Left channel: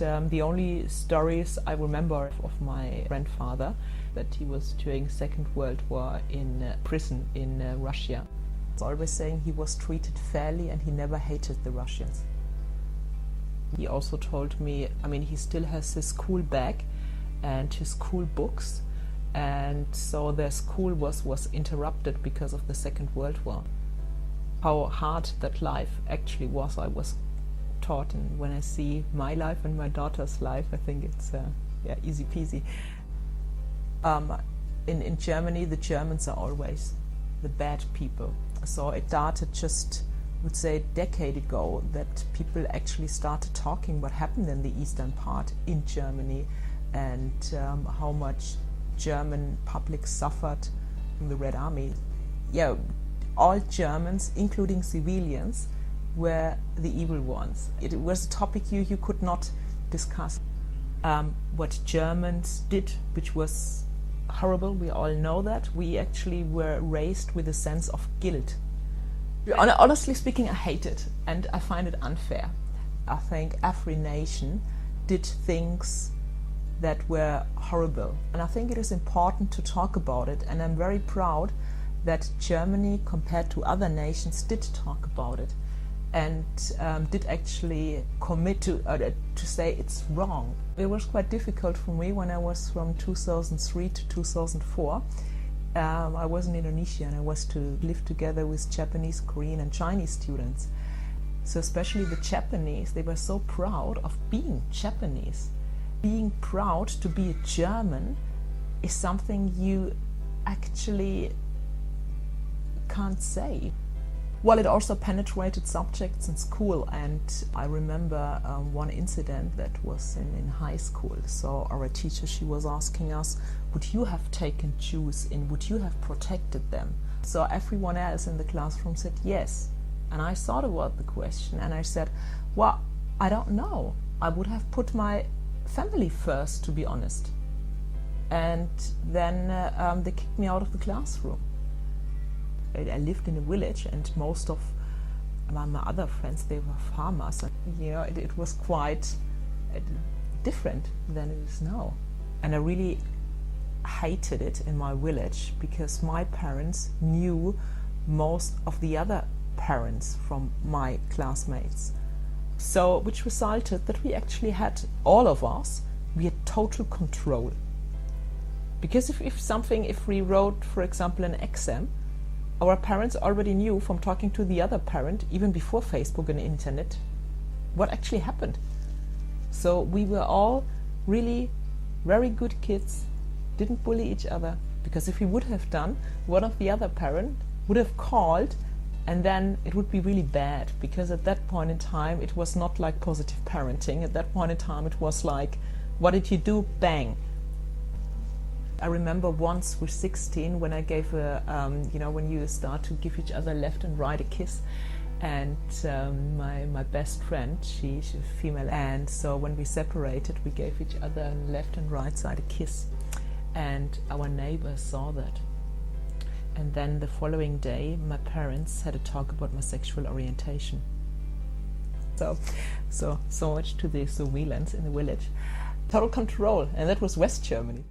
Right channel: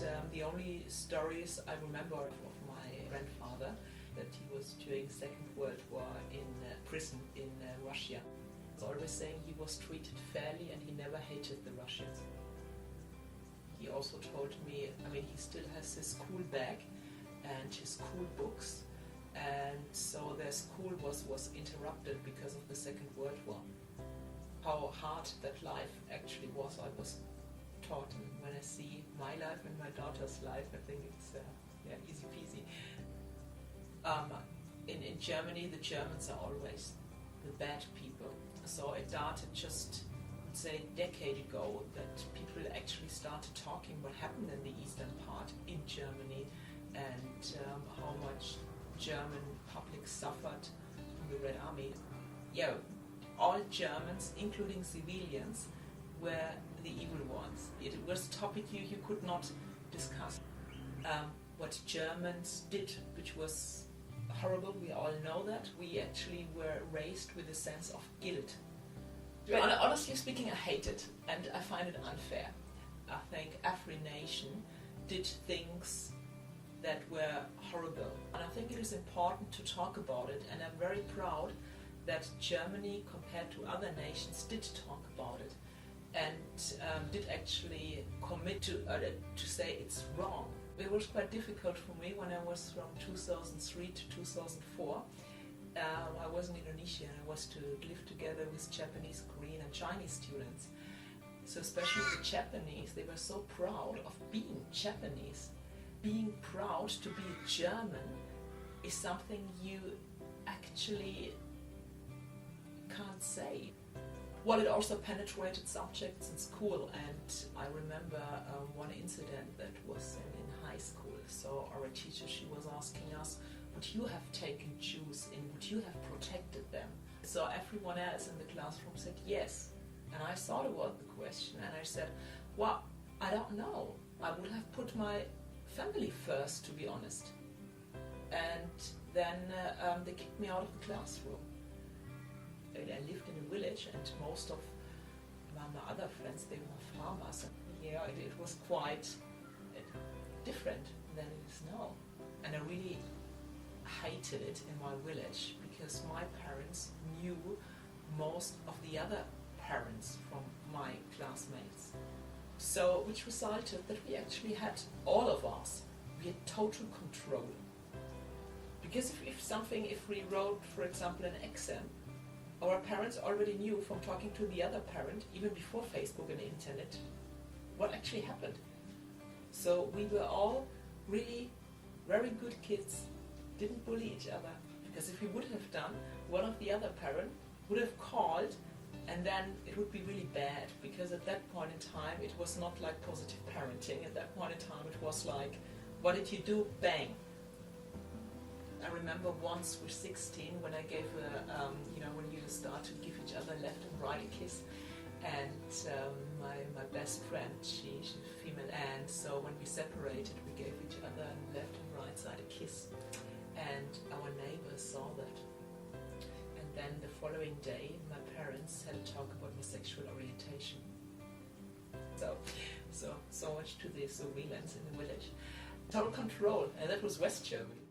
the only stories I remember of my grandfather, that he was during Second World War in prison in Russia. He's always saying he was treated fairly and he never hated the Russians. He also told me, I mean, he still has his school bag and his school books, and so their school was interrupted because of the Second World War. How hard that life actually was, I was taught, and when I see my life and my daughter's life, I think it's easy peasy. In Germany, the Germans are always the bad people. So it started just, I would say, a decade ago that people actually started talking what happened in the eastern part in Germany, and how much German public suffered from the Red Army. Yeah, all Germans, including civilians, were the evil ones. It was a topic you could not discuss. What Germans did, which was horrible, we all know that. We actually were raised with a sense of guilt. Honestly speaking, I hate it, and I find it unfair. I think every nation did things that were horrible, and I think it is important to talk about it, and I'm very proud that Germany, compared to other nations, did talk about it and did actually commit to say it's wrong. It was quite difficult for me when I was from 2003 to 2004. I was in Indonesia and I was to live together with Japanese, Korean and Chinese students. So especially the Japanese, they were so proud of being Japanese. Being proud to be a German is something you actually can't say. Well, it also penetrated subjects in school, and I remember one incident that was in high school. So our teacher, she was asking us, would you have taken Jews in, would you have protected them? So everyone else in the classroom said yes. And I thought about the question and I said, well, I don't know. I would have put my family first, to be honest. And then they kicked me out of the classroom. I lived in a village, and most of my other friends, they were farmers. And, you know, it was quite different than it is now. And I really hated it in my village because my parents knew most of the other parents from my classmates. So, which resulted that we actually had, all of us, we had total control. Because if we wrote, for example, an exam, our parents already knew from talking to the other parent, even before Facebook and internet, what actually happened. So we were all really very good kids, didn't bully each other, because if we would have done, one of the other parent would have called, and then it would be really bad, because at that point in time it was not like positive parenting. At that point in time it was like, what did you do? Bang. I remember once with 16 when I gave when you start to give each other left and right a kiss, and my best friend, she's a female, and so when we separated we gave each other on left and right side a kiss, and our neighbors saw that. And then the following day my parents had a talk about my sexual orientation. So much to the surveillance in the village. Total control, and that was West Germany.